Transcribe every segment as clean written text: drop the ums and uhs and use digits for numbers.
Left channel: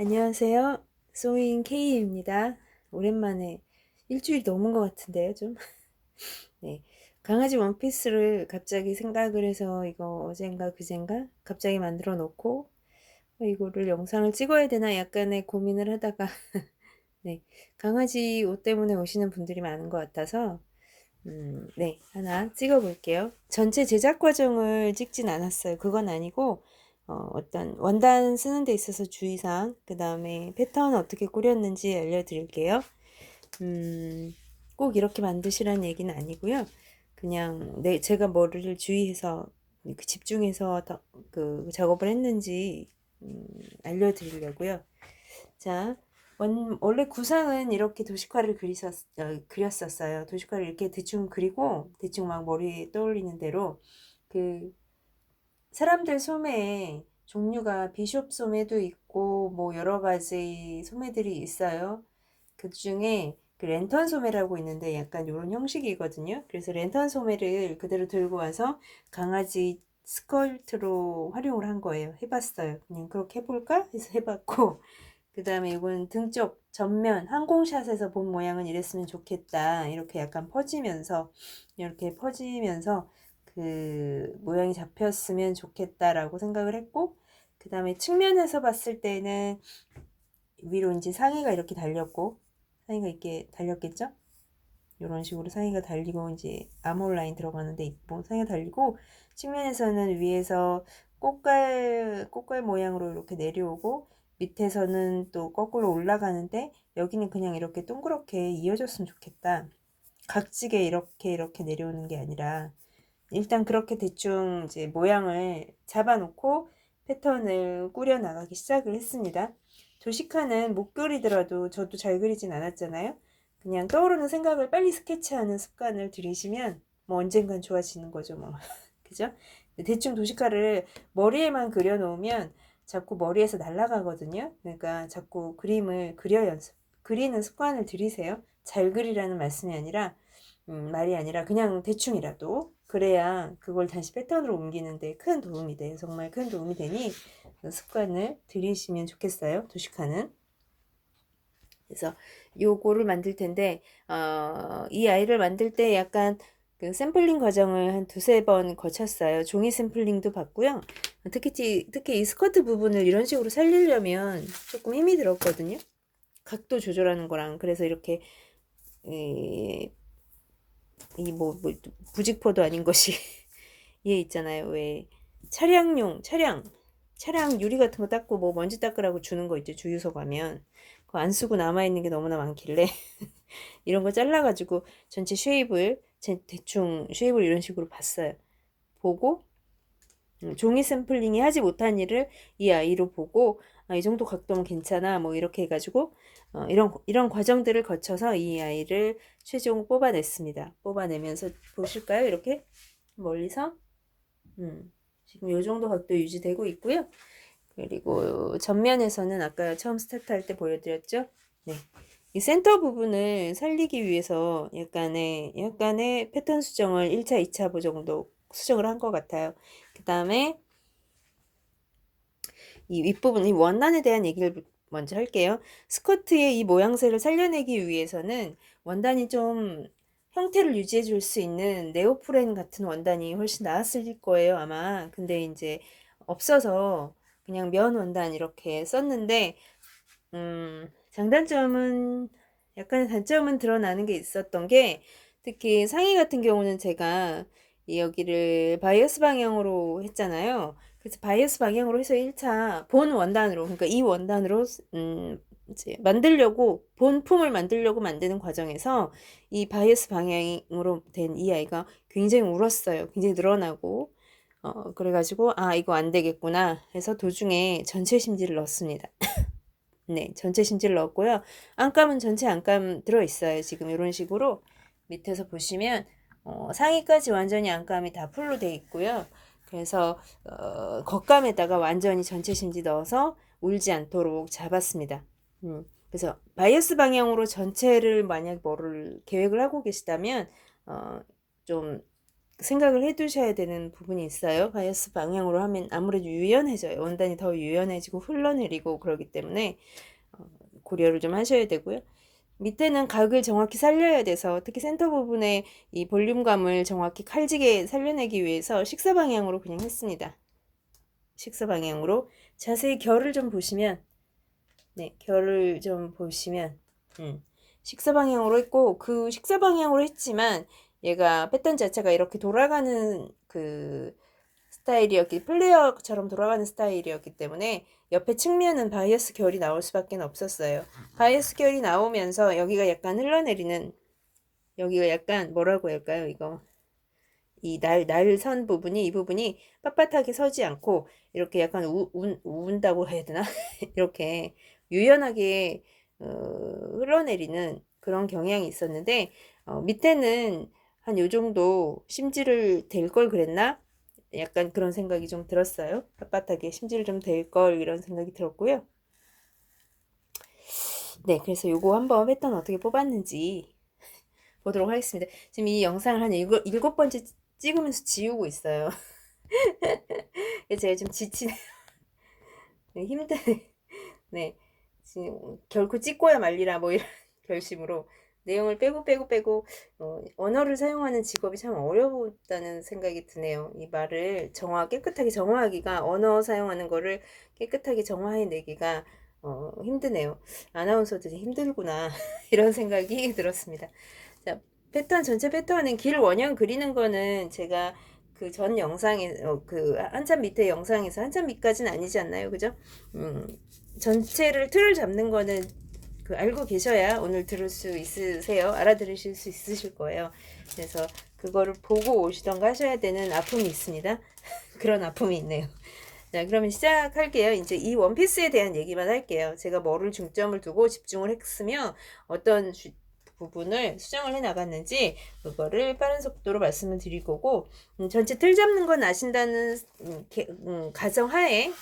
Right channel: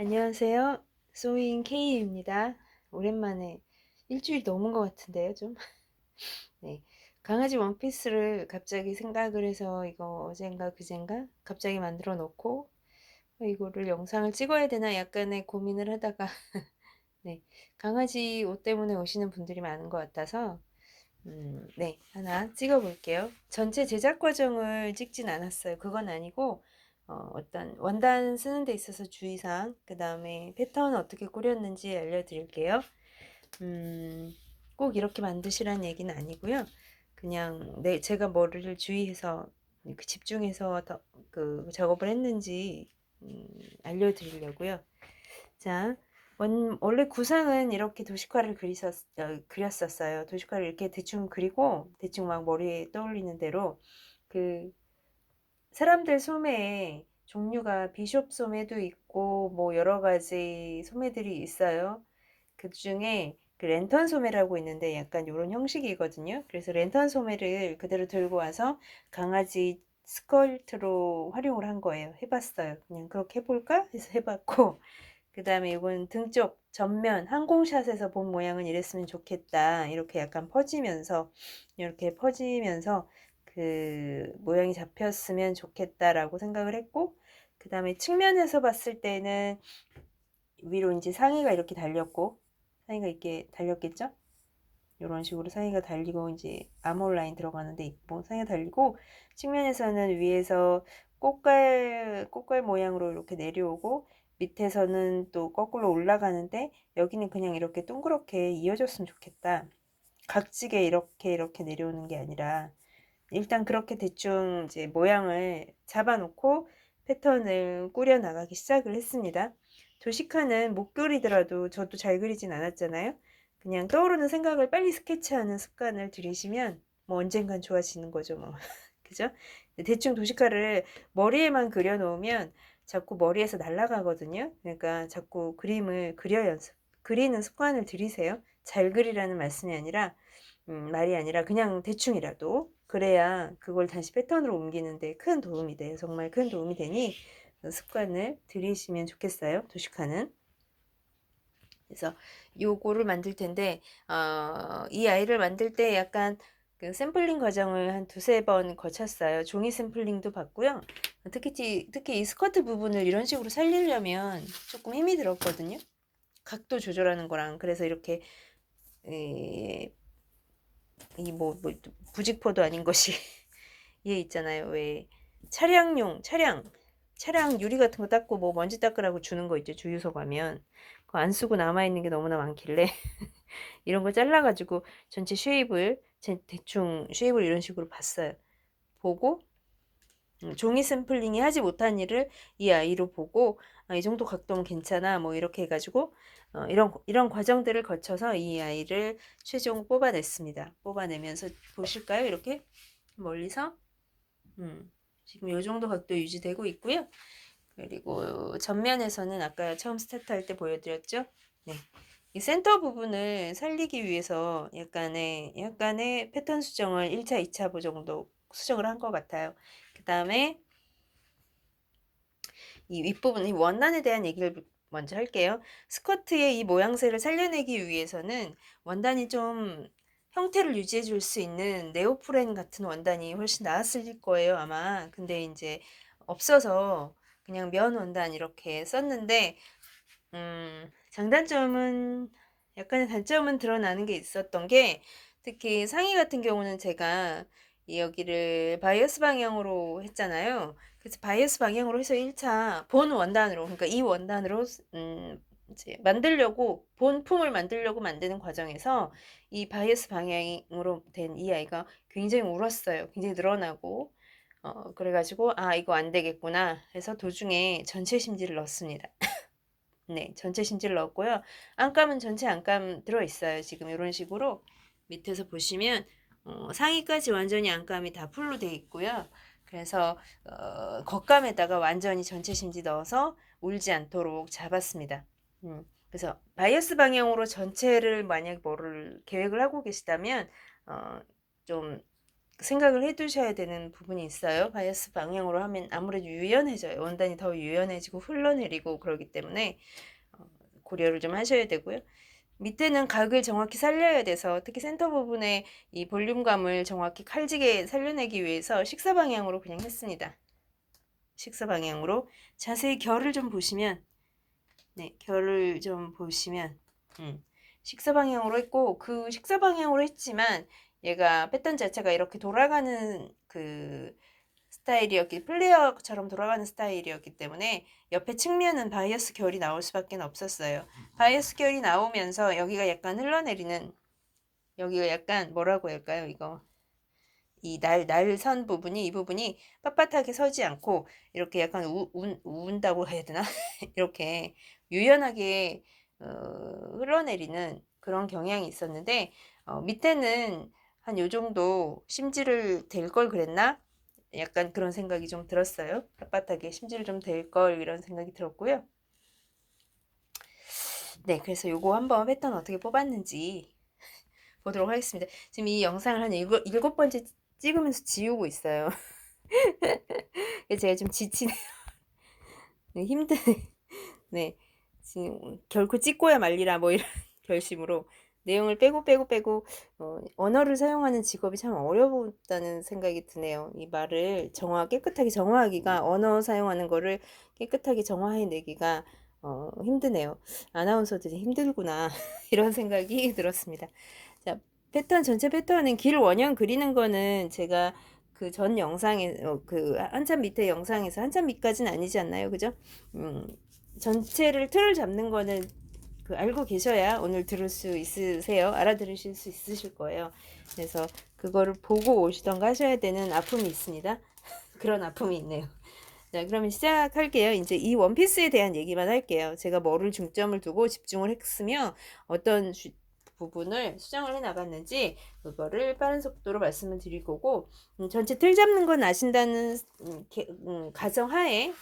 안녕하세요. 소인 K입니다. 오랜만에 일주일 넘은 것 같은데요, 좀. 네. 강아지 원피스를 갑자기 생각을 해서 이거 어젠가 그젠가 갑자기 만들어 놓고 이거를 영상을 찍어야 되나 약간의 고민을 하다가 네. 강아지 옷 때문에 오시는 분들이 많은 것 같아서 네. 하나 찍어 볼게요. 전체 제작 과정을 찍진 않았어요. 그건 아니고 어떤 원단 쓰는 데 있어서 주의사항, 그 다음에 패턴 어떻게 꾸렸는지 알려드릴게요. 꼭 이렇게 만드시라는 얘기는 아니고요. 그냥 네, 제가 뭐를 주의해서 집중해서 그 작업을 했는지 알려드리려고요. 자, 원래 구상은 이렇게 도식화를 그렸었어요. 도식화를 이렇게 대충 그리고 대충 막 머리에 떠올리는 대로 그 사람들 소매에 종류가 비숍 소매도 있고 뭐 여러 가지 소매들이 있어요. 그 중에 그 랜턴 소매라고 있는데 약간 이런 형식이거든요. 그래서 랜턴 소매를 그대로 들고 와서 강아지 스컬트로 활용을 한 거예요. 해봤어요. 그냥 그렇게 해볼까 해서 해봤고, 그 다음에 이건 등 쪽 전면 항공샷에서 본 모양은 이랬으면 좋겠다. 이렇게 약간 퍼지면서 이렇게 퍼지면서 그 모양이 잡혔으면 좋겠다라고 생각을 했고, 그 다음에 측면에서 봤을 때는 위로 이제 상의가 이렇게 달렸고, 상의가 이렇게 달렸겠죠? 이런 식으로 상의가 달리고 이제 아몰 라인 들어가는 데 있고, 상의가 달리고, 측면에서는 위에서 꽃갈 모양으로 이렇게 내려오고, 밑에서는 또 거꾸로 올라가는데, 여기는 그냥 이렇게 동그랗게 이어졌으면 좋겠다. 각지게 이렇게 내려오는 게 아니라, 일단 그렇게 대충 이제 모양을 잡아놓고 패턴을 꾸려 나가기 시작을 했습니다. 도식화는 못 그리더라도 저도 잘 그리진 않았잖아요. 그냥 떠오르는 생각을 빨리 스케치하는 습관을 들이시면 뭐 언젠간 좋아지는 거죠, 뭐. 그죠? 대충 도식화를 머리에만 그려놓으면 자꾸 머리에서 날아가거든요. 그러니까 자꾸 그림을 그리는 습관을 들이세요. 잘 그리라는 말씀이 아니라 말이 아니라 그냥 대충이라도 그래야 그걸 다시 패턴으로 옮기는데 큰 도움이 돼요. 정말 큰 도움이 되니 그 습관을 들이시면 좋겠어요. 도식화는. 그래서 요거를 만들 텐데 이 아이를 만들 때 약간 그 샘플링 과정을 한 두세 번 거쳤어요. 종이 샘플링도 받고요. 특히 이 스커트 부분을 이런 식으로 살리려면 조금 힘이 들었거든요. 각도 조절하는 거랑. 그래서 이렇게 뭐 부직포도 아닌 것이 얘 있잖아요. 왜 차량 유리 같은 거 닦고 뭐 먼지 닦으라고 주는 거 있죠. 주유소 가면 그거 안 쓰고 남아 있는 게 너무나 많길래 이런 거 잘라가지고 전체 대충 쉐입을 이런 식으로 봤어요. 보고 종이 샘플링이 하지 못한 일을 이 아이로 보고 이 정도 각도면 괜찮아 뭐 이렇게 해가지고 이런 과정들을 거쳐서 이 아이를 최종 뽑아냈습니다. 뽑아내면서 보실까요? 이렇게 멀리서 지금 이 정도 각도 유지되고 있고요. 그리고 전면에서는 아까 처음 스타트할 때 보여드렸죠? 네. 이 센터 부분을 살리기 위해서 약간의 패턴 수정을 1차, 2차 정도 수정을 한 것 같아요. 그 다음에 이 윗부분, 이 원단에 대한 얘기를 먼저 할게요. 스커트의 이 모양새를 살려내기 위해서는 원단이 좀 형태를 유지해 줄 수 있는 네오프렌 같은 원단이 훨씬 나았을 거예요, 아마. 근데 이제 없어서 그냥 면 원단 이렇게 썼는데, 장단점은, 약간의 단점은 드러나는 게 있었던 게, 특히 상의 같은 경우는 제가 여기를 바이어스 방향으로 했잖아요. 그래서 바이어스 방향으로 해서 1차 본 원단으로, 그러니까 이 원단으로 이제 본품을 만들려고 만드는 과정에서 이 바이어스 방향으로 된 이 아이가 굉장히 울었어요. 굉장히 늘어나고 그래가지고 이거 안 되겠구나 해서 도중에 전체 심지를 넣었습니다. 네, 전체 심지를 넣었고요. 안감은 전체 안감 들어있어요. 지금 이런 식으로 밑에서 보시면 상의까지 완전히 안감이 다 풀로 돼 있고요. 그래서 겉감에다가 완전히 전체 심지 넣어서 울지 않도록 잡았습니다. 그래서 바이어스 방향으로 전체를 만약 뭐를 계획을 하고 계시다면 좀 생각을 해 두셔야 되는 부분이 있어요. 바이어스 방향으로 하면 아무래도 유연해져요. 원단이 더 유연해지고 흘러내리고 그러기 때문에 고려를 좀 하셔야 되고요. 밑에는 각을 정확히 살려야 돼서 특히 센터 부분에 이 볼륨감을 정확히 칼지게 살려내기 위해서 식사 방향으로 그냥 했습니다. 식사 방향으로 자세히 결을 좀 보시면 네, 결을 좀 보시면 식사 방향으로 했고 그 식사 방향으로 했지만 얘가 패턴 자체가 이렇게 돌아가는 그 스타일이었기 플레어처럼 돌아가는 스타일이었기 때문에 옆에 측면은 바이어스 결이 나올 수밖에 없었어요. 바이어스 결이 나오면서 여기가 약간 흘러내리는 여기가 약간 뭐라고 할까요? 이거 이 날선 부분이 이 부분이 빳빳하게 서지 않고 이렇게 약간 운다고 해야 되나? 이렇게 유연하게 흘러내리는 그런 경향이 있었는데 밑에는 한 요 정도 심지를 될 걸 그랬나? 약간 그런 생각이 좀 들었어요. 빳빳하게 심지를 좀 될 걸 이런 생각이 들었고요. 네, 그래서 요거 한번 패턴 어떻게 뽑았는지 보도록 하겠습니다. 지금 이 영상을 한 일곱 번째 찍으면서 지우고 있어요. 제가 좀 지치네요. 네, 힘드네. 네, 지금 결코 찍고야 말리라 뭐 이런 결심으로 내용을 빼고 언어를 사용하는 직업이 참 어렵다는 생각이 드네요. 이 말을 깨끗하게 정화하기가 언어 사용하는 거를 깨끗하게 정화해내기가 힘드네요. 아나운서들이 힘들구나 이런 생각이 들었습니다. 자, 전체 패턴은 길 원형 그리는 거는 제가 그 전 영상에 그 한참 밑에 영상에서 한참 밑까지는 아니지 않나요, 그죠? 전체를 틀을 잡는 거는 그 알고 계셔야 오늘 들을 수 있으세요. 알아들으실 수 있으실 거예요. 그래서 그거를 보고 오시던가 하셔야 되는 아픔이 있습니다. 그런 아픔이 있네요. 자, 그러면 시작할게요. 이제 이 원피스에 대한 얘기만 할게요. 제가 뭐를 중점을 두고 집중을 했으며 어떤 부분을 수정을 해 나갔는지 그거를 빠른 속도로 말씀을 드릴 거고 전체 틀 잡는 건 아신다는 가정하에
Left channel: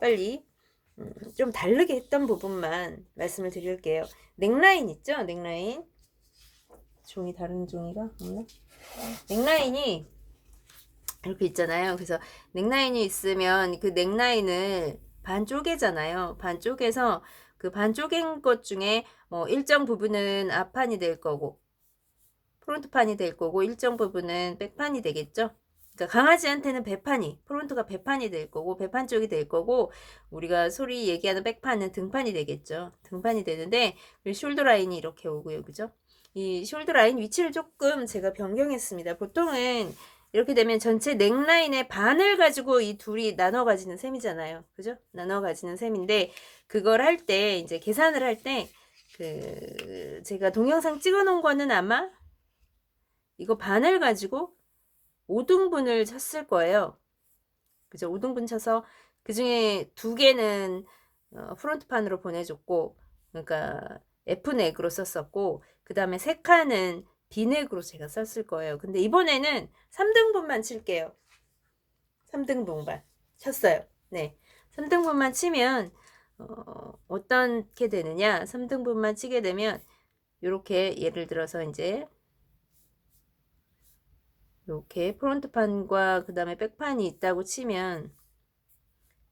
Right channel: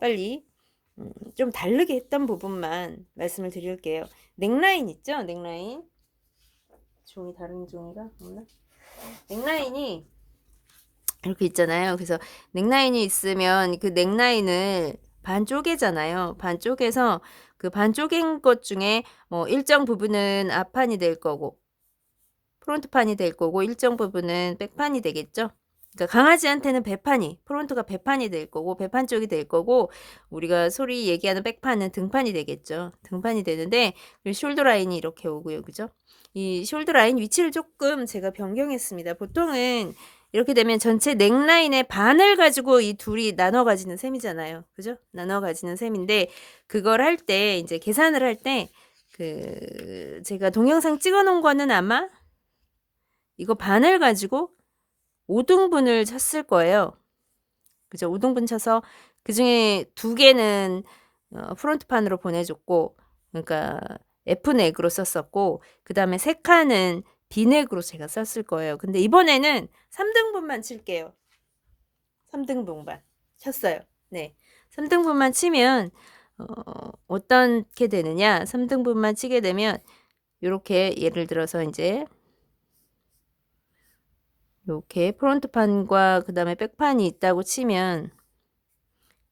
빨리 좀 다르게 했던 부분만 말씀을 드릴게요. 넥라인 있죠? 넥라인 다른 종이가 없나? 넥라인이 이렇게 있잖아요. 그래서 넥라인이 있으면 그 넥라인을 반 쪼개잖아요. 반 쪼개서 그 반 쪼갠 것 중에 뭐 일정 부분은 앞판이 될 거고 프론트판이 될 거고 일정 부분은 백판이 되겠죠. 그러니까 강아지한테는 프론트가 배판이 될 거고 배판 쪽이 될 거고 우리가 소리 얘기하는 백판은 등판이 되겠죠. 등판이 되는데 숄더 라인이 이렇게 오고요. 그죠? 이 숄더 라인 위치를 조금 제가 변경했습니다. 보통은 이렇게 되면 전체 넥라인의 반을 가지고 이 둘이 나눠 가지는 셈이잖아요. 그죠? 나눠 가지는 셈인데 그걸 할 때 이제 계산을 할 때 제가 동영상 찍어 놓은 거는 아마 이거 반을 가지고 5등분을 쳤을 거예요. 그죠? 5등분 쳐서 그 중에 2개는 프론트판으로 보내줬고, 그러니까 F넥으로 썼었고, 그 다음에 3칸은 B넥으로 제가 썼을 거예요. 근데 이번에는 3등분만 칠게요. 3등분만 쳤어요. 네. 3등분만 치면, 어떻게 되느냐? 3등분만 치게 되면, 이렇게 예를 들어서 이제, 이렇게 프론트판과 그 다음에 백판이 있다고 치면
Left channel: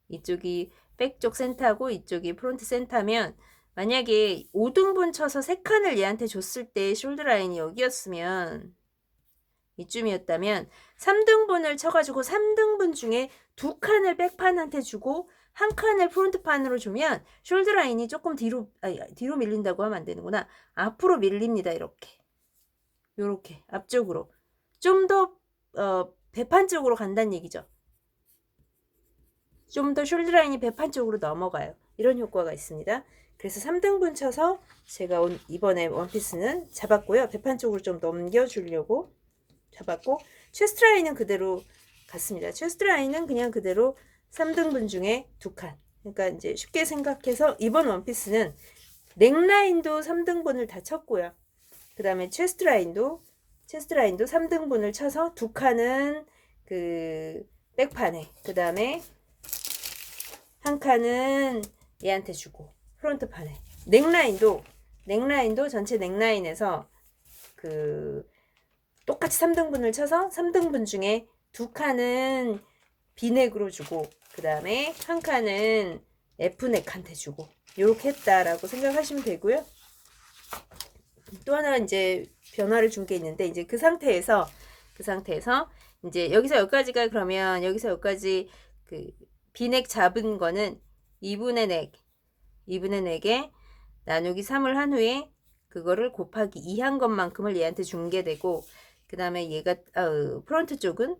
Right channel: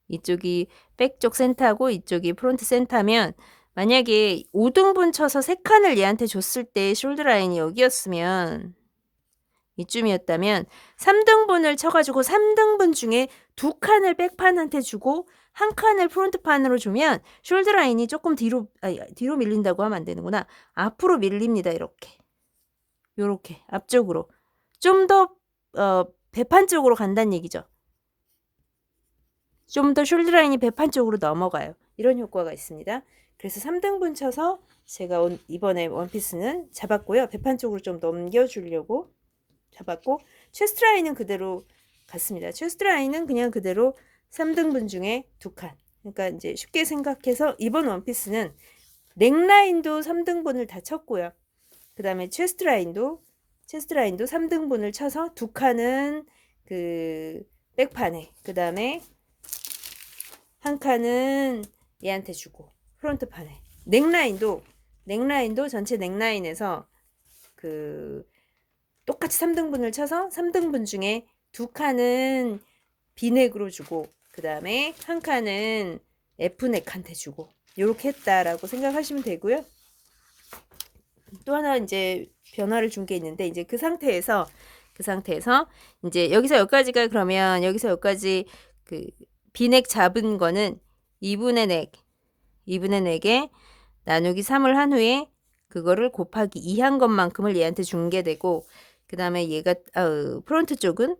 이쪽이 백쪽 센터고 이쪽이 프론트 센터면 만약에 5등분 쳐서 3칸을 얘한테 줬을 때 숄더 라인이 여기였으면 이쯤이었다면 3등분을 쳐가지고 3등분 중에 2칸을 백판한테 주고 1칸을 프론트판으로 주면 숄더 라인이 조금 뒤로 밀린다고 하면 안 되는구나. 앞으로 밀립니다. 요렇게 앞쪽으로 좀 더 배판 쪽으로 간다는 얘기죠. 좀 더 숄더 라인이 배판 쪽으로 넘어가요. 이런 효과가 있습니다. 그래서 3등분 쳐서 제가 이번에 원피스는 잡았고요. 배판 쪽으로 좀 넘겨주려고 잡았고 체스트 라인은 그대로 갔습니다. 체스트 라인은 그냥 그대로 3등분 중에 2칸. 그러니까 이제 쉽게 생각해서 이번 원피스는 넥라인도 3등분을 다 쳤고요. 그 다음에 체스트 라인도 3등분을 쳐서 2칸은 그 백판에 그 다음에 1칸은 얘한테 주고 프론트판에 넥라인도 전체 넥라인에서 그 똑같이 3등분을 쳐서 3등분 중에 2칸은 B넥으로 주고 그 다음에 1칸은 F넥한테 주고 이렇게 했다라고 생각하시면 되고요. 또 하나 이제 변화를 준 게 있는데 이제 그 상태에서 이제 여기서 여기까지가 그러면 여기서 여기까지 그 B넥 잡은 거는 2분의 넥에 나누기 3을 한 후에 그거를 곱하기 2 한 것만큼을 얘한테 준 게 되고 그 다음에 얘가 프론트 쪽은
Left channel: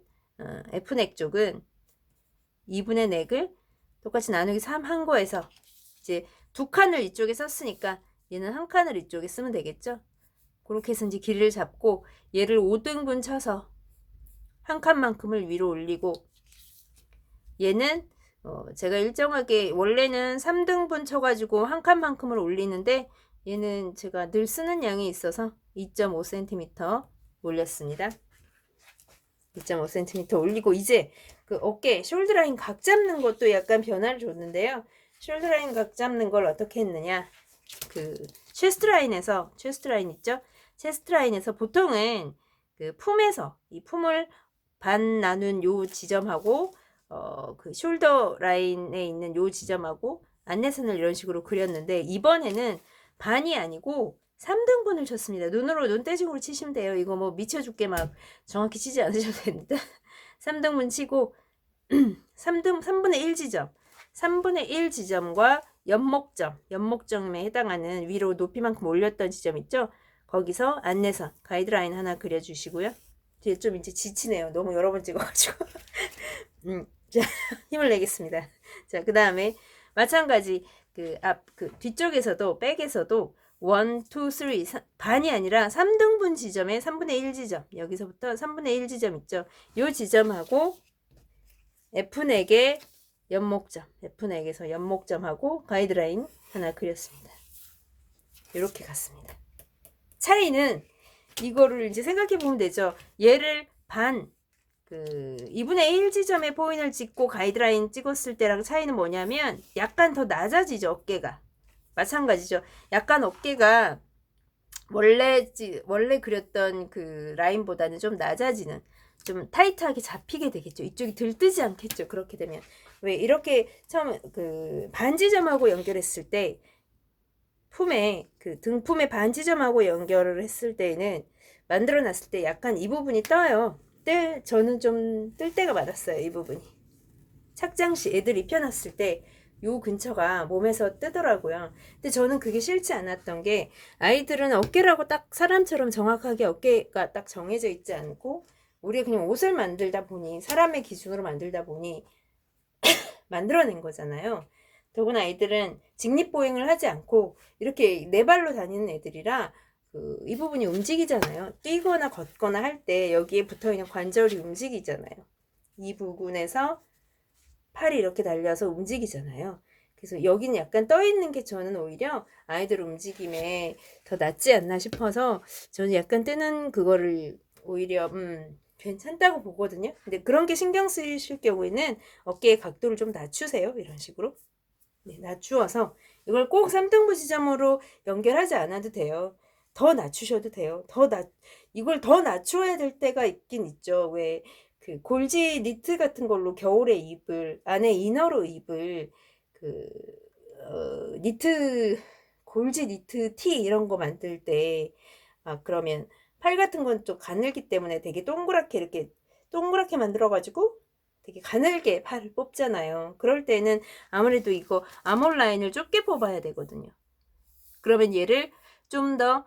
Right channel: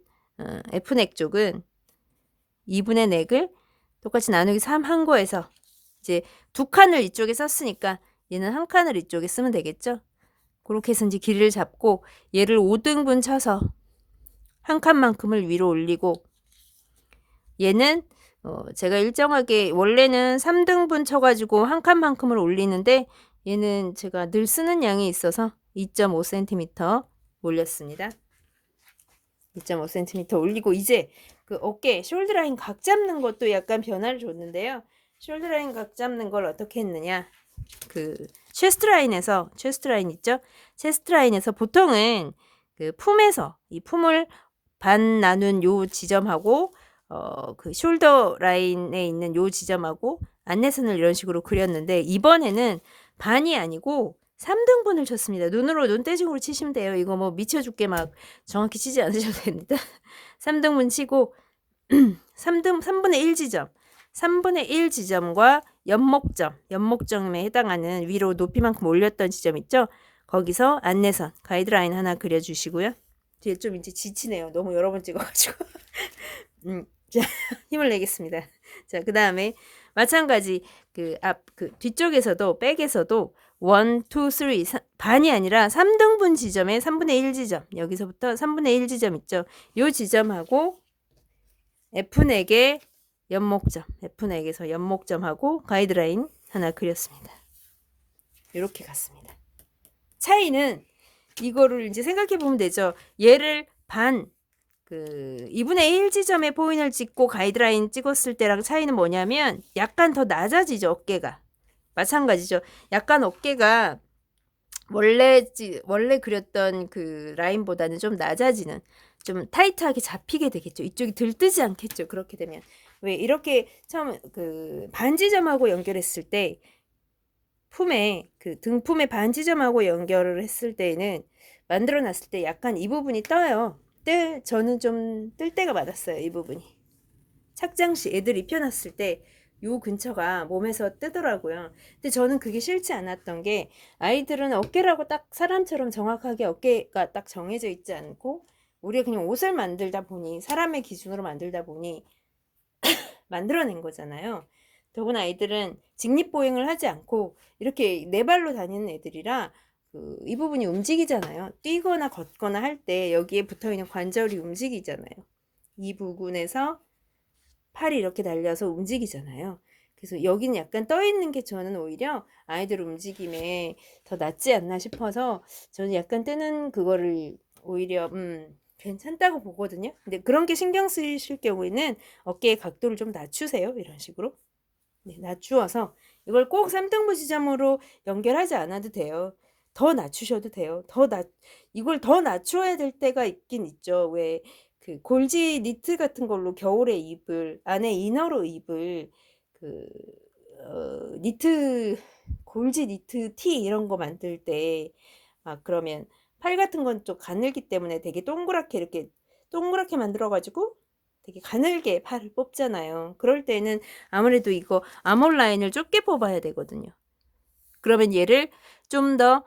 F넥 쪽은 2분의 넥을 똑같이 나누기 3 한 거에서 이제 2칸을 이쪽에 썼으니까 얘는 1칸을 이쪽에 쓰면 되겠죠. 그렇게 해서 이제 길이를 잡고 얘를 5등분 쳐서 1칸만큼을 위로 올리고 얘는 제가 일정하게 원래는 3등분 쳐가지고 1칸만큼을 올리는데 얘는 제가 늘 쓰는 양이 있어서 2.5cm 올렸습니다. 2.5cm 올리고 이제 그 어깨 숄더 라인 각 잡는 것도 약간 변화를 줬는데요. 숄더 라인 각 잡는 걸 어떻게 했느냐? 그 체스트 라인 있죠? 체스트 라인에서 보통은 그 품에서 이 품을 반 나눈 요 지점하고 그 숄더 라인에 있는 요 지점하고 안내선을 이런 식으로 그렸는데 이번에는 반이 아니고 3등분을 쳤습니다. 눈대중으로 치시면 돼요. 이거 뭐 미쳐 죽게 막 정확히 치지 않으셔도 됩니다. 3등분 치고 3분의 1 지점 3분의 1 지점과 연목점에 해당하는 위로 높이만큼 올렸던 지점 있죠? 거기서 안내선 가이드라인 하나 그려주시고요. 뒤에 좀 이제 지치네요. 너무 여러 번 찍어가지고 자, 힘을 내겠습니다. 자, 그 다음에 마찬가지 그 뒤쪽에서도 백에서도 1, 2, 3 반이 아니라 3등분 지점에 3분의 1 지점 여기서부터 3분의 1 지점 있죠. 요 지점하고 F넥의 F넥에서 연목점하고 가이드라인 하나 그렸습니다. 이렇게 갔습니다. 차이는 이거를 이제 생각해 보면 되죠. 얘를 그 2분의 1 지점에 포인트를 찍고 가이드라인 찍었을 때랑 차이는 뭐냐면 약간 더 낮아지죠. 어깨가. 마찬가지죠. 약간 어깨가 원래 그렸던 그 라인보다는 좀 낮아지는 좀 타이트하게 잡히게 되겠죠. 이쪽이 들뜨지 않겠죠. 그렇게 되면 왜 이렇게 처음 그 반지점하고 연결했을 때 품에 그 등품의 반지점하고 연결을 했을 때는 만들어 놨을 때 약간 이 부분이 떠요. 저는 좀 뜰 때가 많았어요. 이 부분이 착장 시 애들 입혀놨을 때 요 근처가 몸에서 뜨더라고요. 근데 저는 그게 싫지 않았던 게 아이들은 어깨라고 딱 사람처럼 정확하게 어깨가 딱 정해져 있지 않고 우리가 그냥 옷을 만들다 보니 사람의 기준으로 만들다 보니 만들어낸 거잖아요. 더구나 아이들은 직립보행을 하지 않고 이렇게 네 발로 다니는 애들이라 이 부분이 움직이잖아요. 뛰거나 걷거나 할 때 여기에 붙어있는 관절이 움직이잖아요. 이 부분에서 팔이 이렇게 달려서 움직이잖아요. 그래서 여기는 약간 떠 있는 게 저는 오히려 아이들 움직임에 더 낫지 않나 싶어서 저는 약간 뜨는 그거를 오히려 괜찮다고 보거든요. 근데 그런 게 신경 쓰이실 경우에는 어깨의 각도를 좀 낮추세요. 이런 식으로. 네, 낮추어서 이걸 꼭 3등분 지점으로 연결하지 않아도 돼요. 더 낮추셔도 돼요. 이걸 더 낮춰야 될 때가 있긴 있죠. 왜 그 골지 니트 같은 걸로 겨울에 안에 이너로 입을 그 골지 니트 티 이런 거 만들 때 그러면 팔 같은 건 좀 가늘기 때문에 되게 동그랗게 만들어 가지고 되게 가늘게 팔을 뽑잖아요. 그럴 때는 아무래도 이거 아몰 라인을 좁게 뽑아야 되거든요. 그러면 얘를 좀 더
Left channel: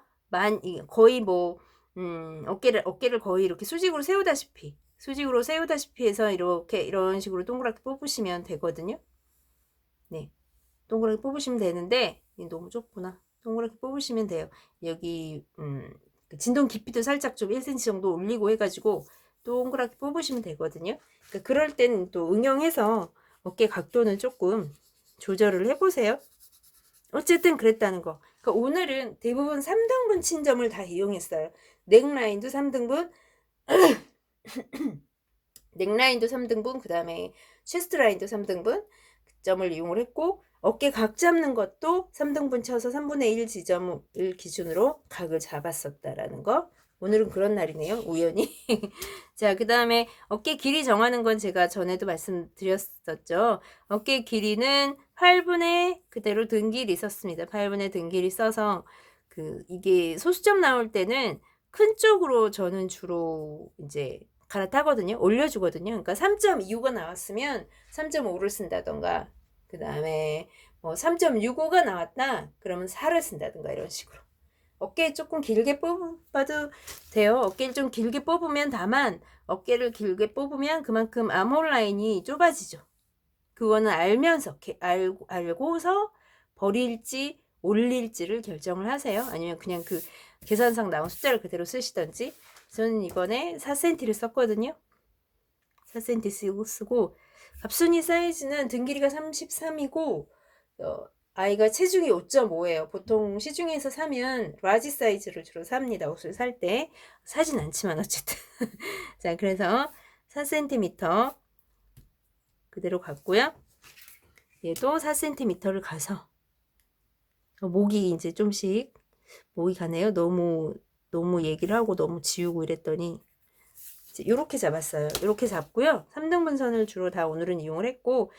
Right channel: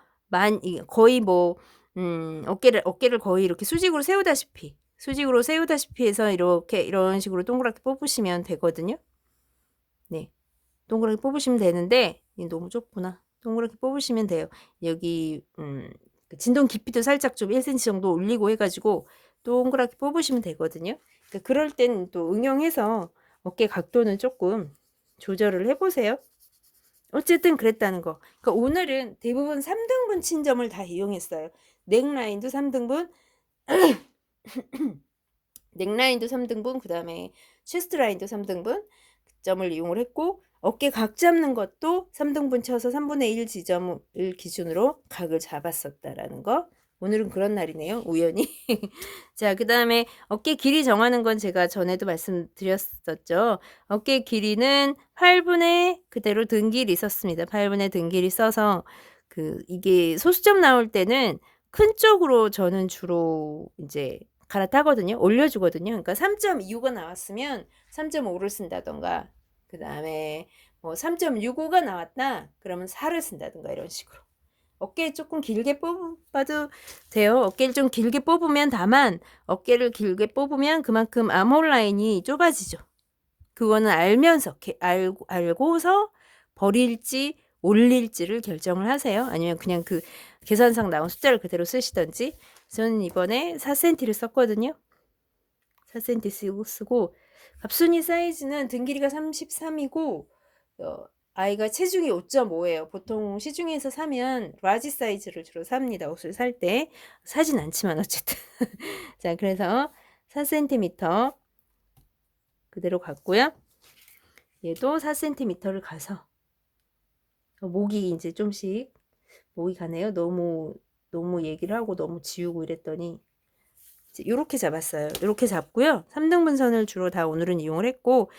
거의 뭐 어깨를 거의 이렇게 수직으로 세우다시피 해서 이런 식으로 동그랗게 뽑으시면 되거든요. 네, 동그랗게 뽑으시면 되는데 너무 좁구나. 동그랗게 뽑으시면 돼요. 여기 진동 깊이도 살짝 좀 1cm 정도 올리고 해가지고 동그랗게 뽑으시면 되거든요. 그러니까 그럴 때는 또 응용해서 어깨 각도는 조금 조절을 해보세요. 어쨌든 그랬다는 거. 그러니까 오늘은 대부분 3등분 친 점을 다 이용했어요. 넥라인도 3등분, 넥라인도 3등분, 그 다음에 체스트 라인도 3등분 점을 이용을 했고 어깨 각 잡는 것도 3등분 쳐서 3분의 1 지점을 기준으로 각을 잡았었다라는 거 오늘은 그런 날이네요. 우연히. 자, 그 다음에 어깨 길이 정하는 건 제가 전에도 말씀드렸었죠. 어깨 길이는 8분의 그대로 등 길이 썼습니다. 8분의 등 길이 써서 이게 소수점 나올 때는 큰 쪽으로 저는 주로 이제 갈아타거든요. 올려주거든요. 그러니까 3.25가 나왔으면 3.5를 쓴다던가, 그 다음에 뭐 3.65가 나왔다 그러면 4를 쓴다든가 이런 식으로. 어깨 조금 길게 뽑아도 돼요. 어깨를 좀 길게 뽑으면, 다만 어깨를 길게 뽑으면 그만큼 아몰 라인이 좁아지죠. 그거는 알면서 알고서 버릴지 올릴지를 결정을 하세요. 아니면 그냥 그 계산상 나온 숫자를 그대로 쓰시던지. 저는 이번에 4cm를 썼거든요. 4cm 쓰고 갑순이 사이즈는 등 길이가 33이고 아이가 체중이 5.5예요. 보통 시중에서 사면 라지 사이즈를 주로 삽니다. 옷을 살 때. 사진 않지만 어쨌든. 자, 그래서 4cm 그대로 갔고요. 얘도 4cm를 가서 목이 이제 좀씩 목이 가네요. 너무 얘기를 하고 너무 지우고 이랬더니 이렇게 잡았어요. 이렇게 잡고요. 3등분선을 주로 다 오늘은 이용을 했고,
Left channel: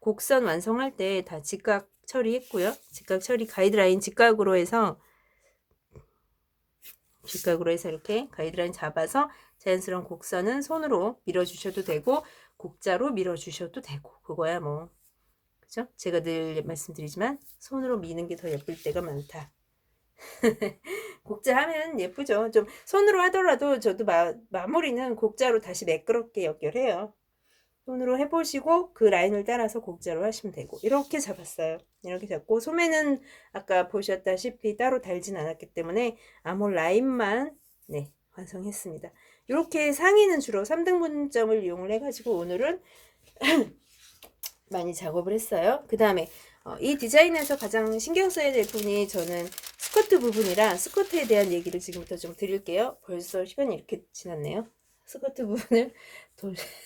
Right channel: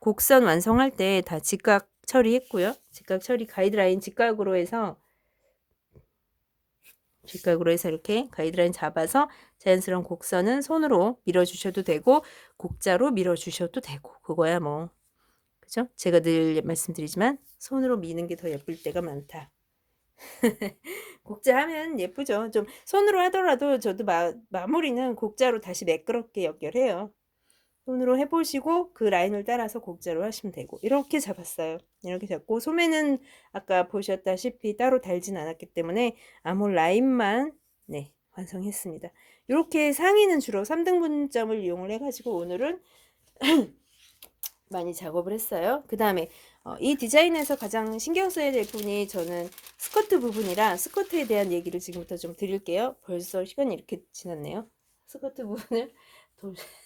곡선 완성할 때 다 직각 처리했고요. 직각 처리 가이드라인 직각으로 해서 이렇게 가이드라인 잡아서 자연스러운 곡선은 손으로 밀어주셔도 되고 곡자로 밀어주셔도 되고, 그거야 뭐, 그죠? 제가 늘 말씀드리지만 손으로 미는 게 더 예쁠 때가 많다. 곡자 하면 예쁘죠. 좀 손으로 하더라도 저도 마무리는 곡자로 다시 매끄럽게 연결해요. 손으로 해보시고 그 라인을 따라서 곡자로 하시면 되고. 이렇게 잡았어요. 이렇게 잡고 소매는 아까 보셨다시피 따로 달진 않았기 때문에 아몰 라인만 완성했습니다. 이렇게 상의는 주로 3등분점을 이용을 해가지고 오늘은 많이 작업을 했어요. 그 다음에 이 디자인에서 가장 신경 써야 될 부분이, 저는 스커트 부분이라 스커트에 대한 얘기를 지금부터 좀 드릴게요. 벌써 시간이 이렇게 지났네요. 스커트 부분을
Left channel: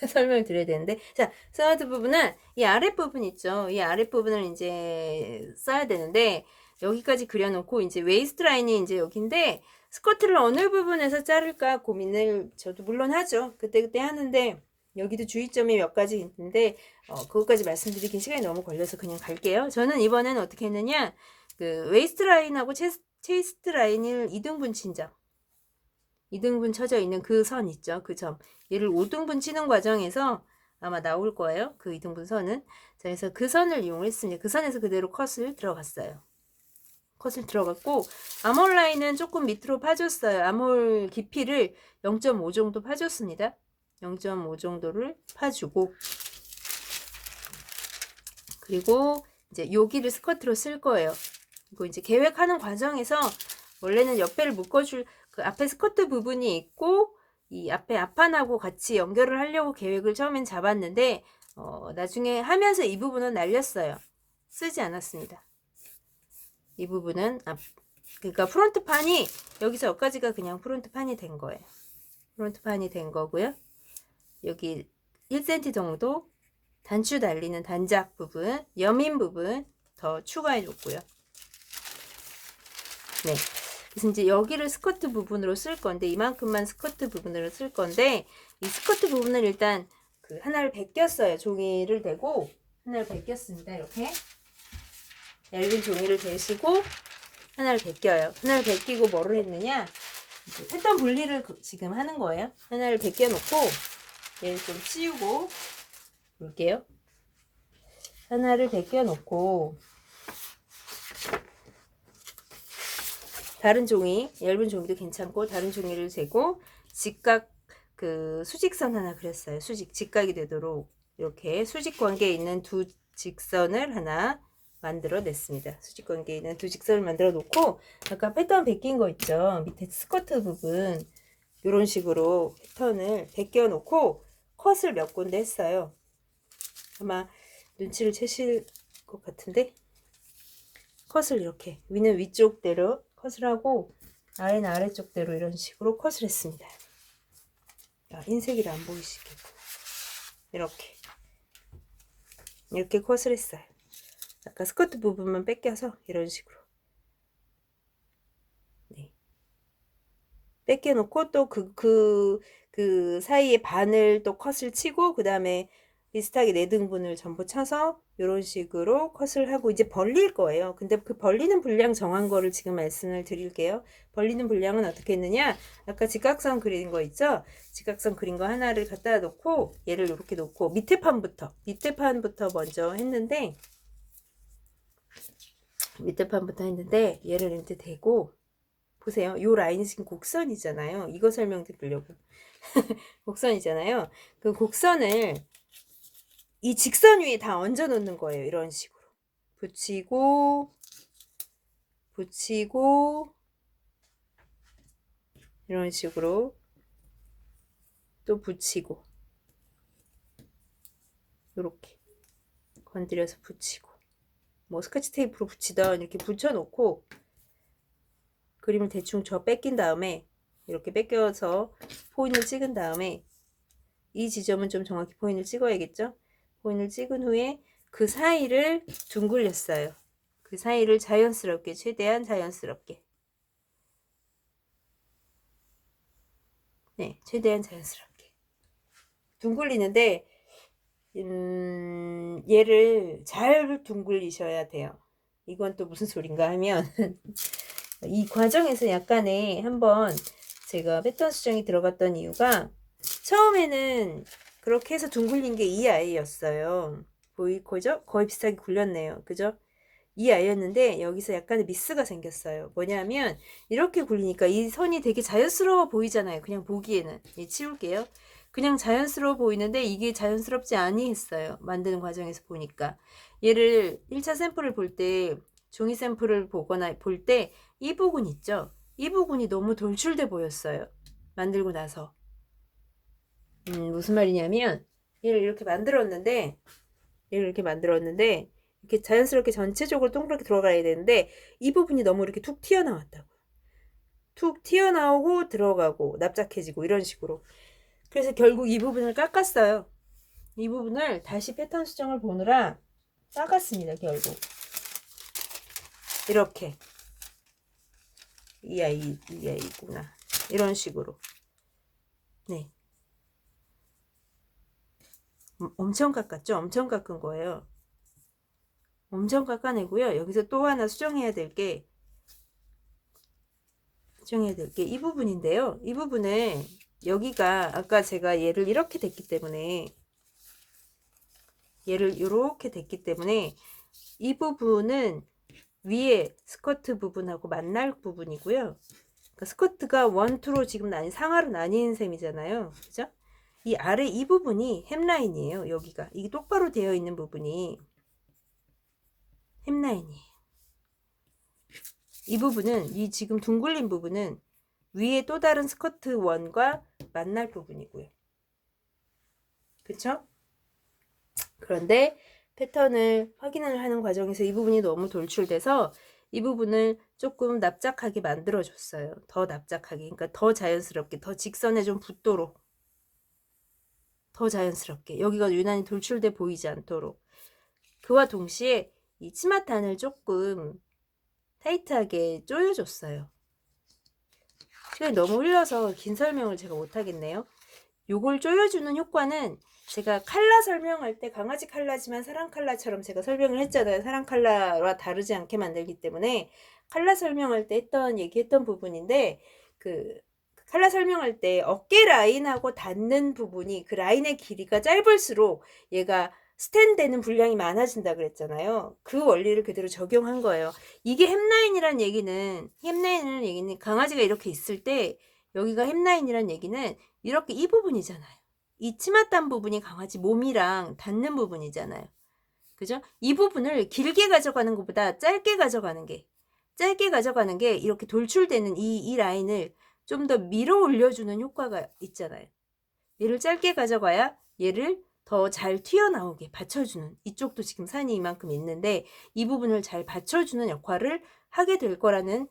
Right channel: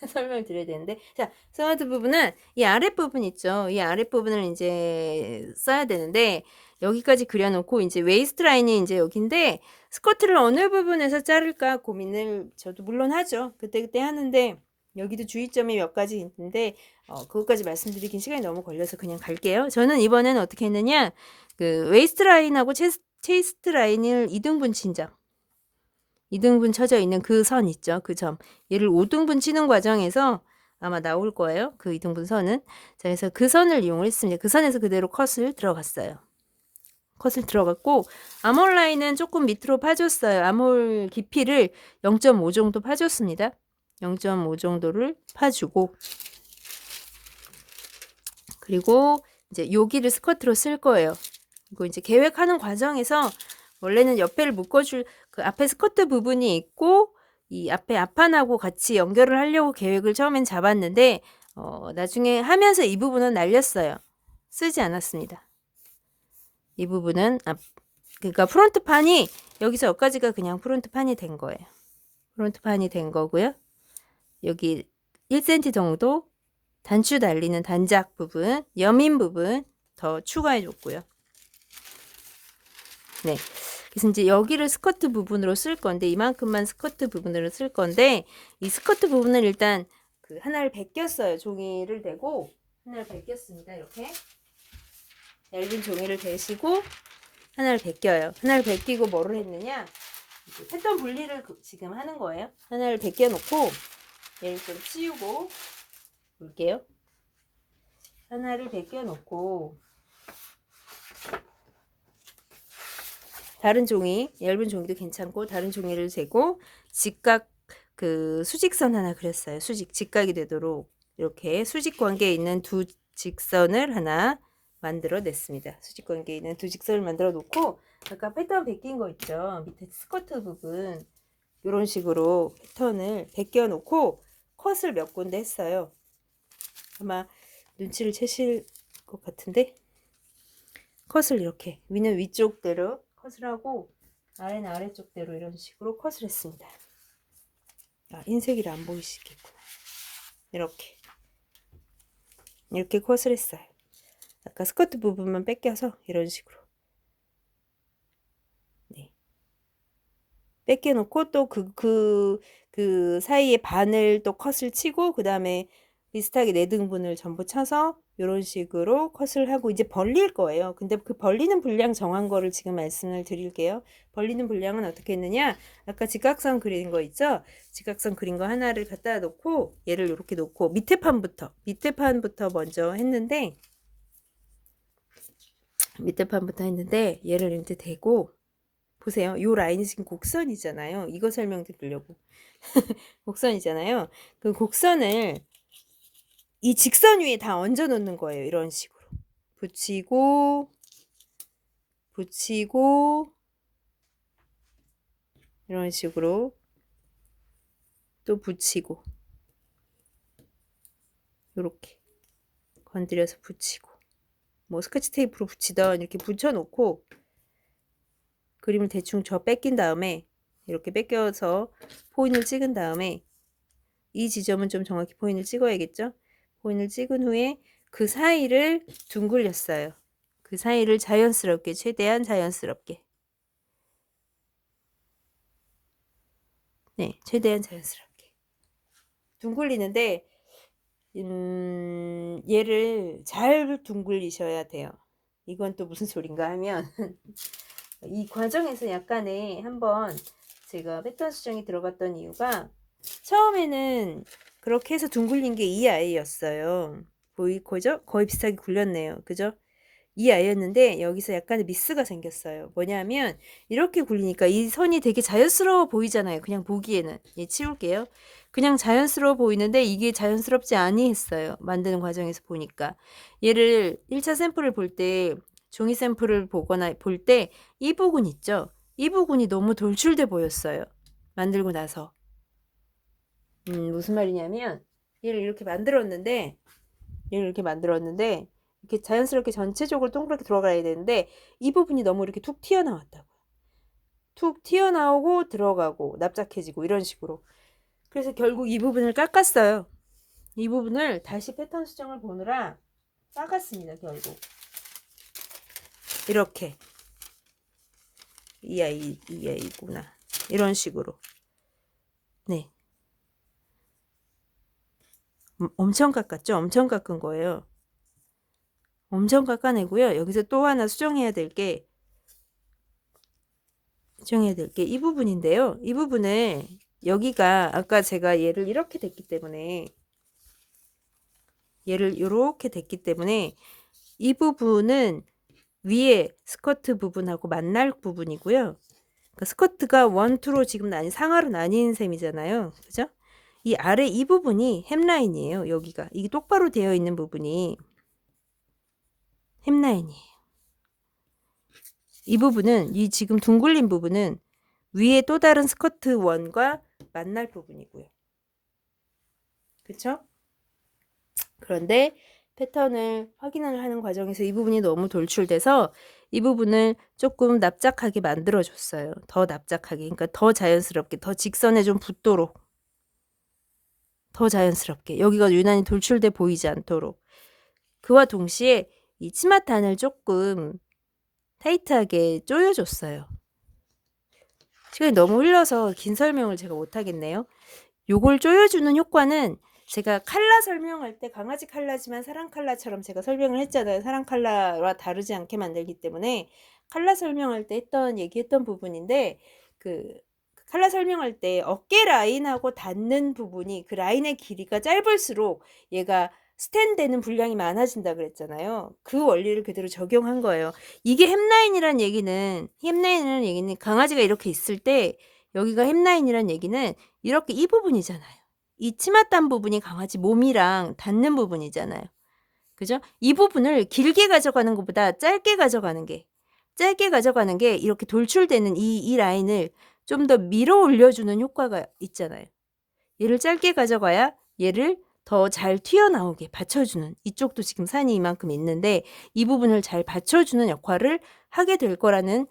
설명을 드려야 되는데, 자, 스커트 부분은 이 아랫부분 있죠. 이 아랫부분을 이제 써야 되는데, 여기까지 그려놓고 이제 웨이스트 라인이 이제 여기인데, 스커트를 어느 부분에서 자를까 고민을 저도 물론 하죠. 그때 하는데, 여기도 주의점이 몇 가지 있는데 그것까지 말씀드리긴 시간이 너무 걸려서 그냥 갈게요. 저는 이번에는 어떻게 했느냐, 그 웨이스트 라인하고 체스트 라인을 2등분 친점, 2등분 쳐져 있는 그 선 있죠. 그 점, 얘를 5등분 치는 과정에서 아마 나올 거예요. 그 2등분 선은. 자, 그래서 그 선을 이용을 했습니다. 그 선에서 그대로 컷을 들어갔어요. 컷을 들어갔고, 아몰 라인은 조금 밑으로 파줬어요. 아몰 깊이를 0.5 정도 파줬습니다. 0.5 정도를 파주고, 그리고 이제 여기를 스커트로 쓸 거예요. 이거 이제 계획하는 과정에서 원래는 옆에를 묶어줄 그 앞에 스커트 부분이 있고 이 앞에 앞판하고 같이 연결을 하려고 계획을 처음엔 잡았는데 나중에 하면서 이 부분은 날렸어요. 쓰지 않았습니다. 이 부분은 그러니까 프론트 판이 여기서 여기까지가 그냥 프론트 판이 된 거예요. 프론트 판이 된 거고요. 여기 1cm 정도 단추 달리는 단작 부분, 여민 부분 더 추가해 줬고요. 네. 그래서 이제 여기를 스커트 부분으로 쓸 건데, 이만큼만 스커트 부분으로 쓸 건데, 이 스커트 부분을 일단 하나를 벗겼어요. 종이를 대고 하나를 벗겼습니다. 이렇게 얇은 종이를 대시고 하나를 벗겨요. 하나를 벗기고 뭐를 했느냐, 패턴 분리를 지금 하는 거예요. 하나를 벗겨 놓고 얘를 좀 치우고 볼게요. 하나를 벗겨 놓고 다른 종이, 얇은 종이도 괜찮고 다른 종이를 재고 직각 수직선 하나 그렸어요. 직각이 되도록 이렇게 수직 관계에 있는 두 직선을 하나 만들어 냈습니다. 수직 관계에 있는 두 직선을 만들어 놓고, 아까 패턴 벗긴 거 있죠. 밑에 스커트 부분 이런 식으로 패턴을 벗겨 놓고 컷을 몇 군데 했어요. 아마 눈치를 채실 것 같은데, 컷을 이렇게 위는 위쪽대로 컷을 하고 아래는 아래쪽대로 이런 식으로 컷을 했습니다. 흰색이라 안 보이시겠구나. 이렇게 컷을 했어요. 아까 스커트 부분만 뺏겨서 이런 식으로 뺏겨놓고 또 그 사이에 반을 또 컷을 치고 그 다음에 비슷하게 4등분을 전부 쳐서 이런 식으로 컷을 하고 이제 벌릴 거예요. 근데 그 벌리는 분량 정한 거를 지금 말씀을 드릴게요. 벌리는 분량은 어떻게 했느냐? 아까 직각선 그린 거 있죠? 직각선 그린 거 하나를 갖다 놓고 얘를 이렇게 놓고 밑에 판부터 먼저 했는데 얘를 이제 대고 보세요. 요 라인이 지금 곡선이잖아요. 이거 설명드리려고. 곡선이잖아요. 그 곡선을 이 직선 위에 다 얹어 놓는 거예요. 이런 식으로. 붙이고 이런 식으로 또 붙이고 이렇게 건드려서 붙이고 뭐 스카치 테이프로 붙이던 이렇게 붙여 놓고 그림을 대충 뺏긴 다음에 이렇게 뺏겨서 포인을 찍은 다음에 이 지점은 좀 정확히 포인을 찍어야겠죠? 포인을 찍은 후에 그 사이를 둥글렸어요. 그 사이를 자연스럽게, 최대한 자연스럽게. 네, 최대한 자연스럽게. 둥글리는데, 얘를 잘 둥글리셔야 돼요. 이건 또 무슨 소린가 하면, 이 과정에서 약간의 한번 제가 패턴 수정이 들어갔던 이유가, 처음에는 그렇게 해서 둥글린 게 이 아이였어요. 보이죠? 거의 비슷하게 굴렸네요. 그죠? 이 아이였는데 여기서 약간의 미스가 생겼어요. 뭐냐면 이렇게 굴리니까 이 선이 되게 자연스러워 보이잖아요. 그냥 보기에는. 예, 치울게요. 그냥 자연스러워 보이는데 이게 자연스럽지 아니했어요. 만드는 과정에서 보니까. 얘를 1차 샘플을 볼 때 종이 샘플을 보거나 볼 때 이 부분 있죠? 이 부분이 너무 돌출돼 보였어요. 만들고 나서. 무슨 말이냐면 얘를 이렇게 만들었는데 이렇게 자연스럽게 전체적으로 동그랗게 들어가야 되는데 이 부분이 너무 이렇게 툭 튀어나왔다고요. 툭 튀어나오고 들어가고 납작해지고 이런 식으로. 그래서 결국 이 부분을 깎았어요. 이 부분을 다시 패턴 수정을 보느라 깎았습니다. 결국 이렇게 이 아이구나 이런 식으로. 네, 엄청 깎았죠. 엄청 깎은 거예요. 엄청 깎아내고요. 여기서 또 하나 수정해야 될 게 이 부분인데요. 이 부분을 여기가 아까 제가 얘를 이렇게 됐기 때문에 이 부분은 위에 스커트 부분하고 만날 부분이고요. 그러니까 스커트가 원투로 지금 상하로 나뉜 셈이잖아요. 그죠? 이 아래 이 부분이 햄라인이에요. 여기가 이게 똑바로 되어 있는 부분이 햄라인이에요. 이 부분은 이 지금 둥글린 부분은 위에 또 다른 스커트 원과 만날 부분이고요. 그쵸? 그런데 패턴을 확인을 하는 과정에서 이 부분이 너무 돌출돼서 이 부분을 조금 납작하게 만들어줬어요. 더 납작하게. 그러니까 더 자연스럽게, 더 직선에 좀 붙도록. 더 자연스럽게. 여기가 유난히 돌출돼 보이지 않도록. 그와 동시에 이 치마탄을 조금 타이트하게 조여줬어요. 시간이 너무 흘려서 긴 설명을 제가 못하겠네요. 요걸 조여주는 효과는 제가 칼라 설명할 때 강아지 칼라지만 사람 칼라처럼 제가 설명을 했잖아요. 사람 칼라와 다르지 않게 만들기 때문에 칼라 설명할 때 얘기했던 부분인데 그 칼라 설명할 때 어깨 라인하고 닿는 부분이 그 라인의 길이가 짧을수록 얘가 스탠되는 분량이 많아진다 그랬잖아요. 그 원리를 그대로 적용한 거예요. 이게 햄라인이란 얘기는 강아지가 이렇게 있을 때 여기가 햄라인이란 얘기는 이렇게 이 부분이잖아요. 이 치맛단 부분이 강아지 몸이랑 닿는 부분이잖아요. 그죠? 이 부분을 길게 가져가는 것보다 짧게 가져가는 게 이렇게 돌출되는 이 라인을 좀 더 밀어 올려주는 효과가 있잖아요. 얘를 짧게 가져가야 얘를 더 잘 튀어나오게 받쳐주는, 이쪽도 지금 산이 이만큼 있는데 이 부분을 잘 받쳐주는 역할을 하게 될 거라는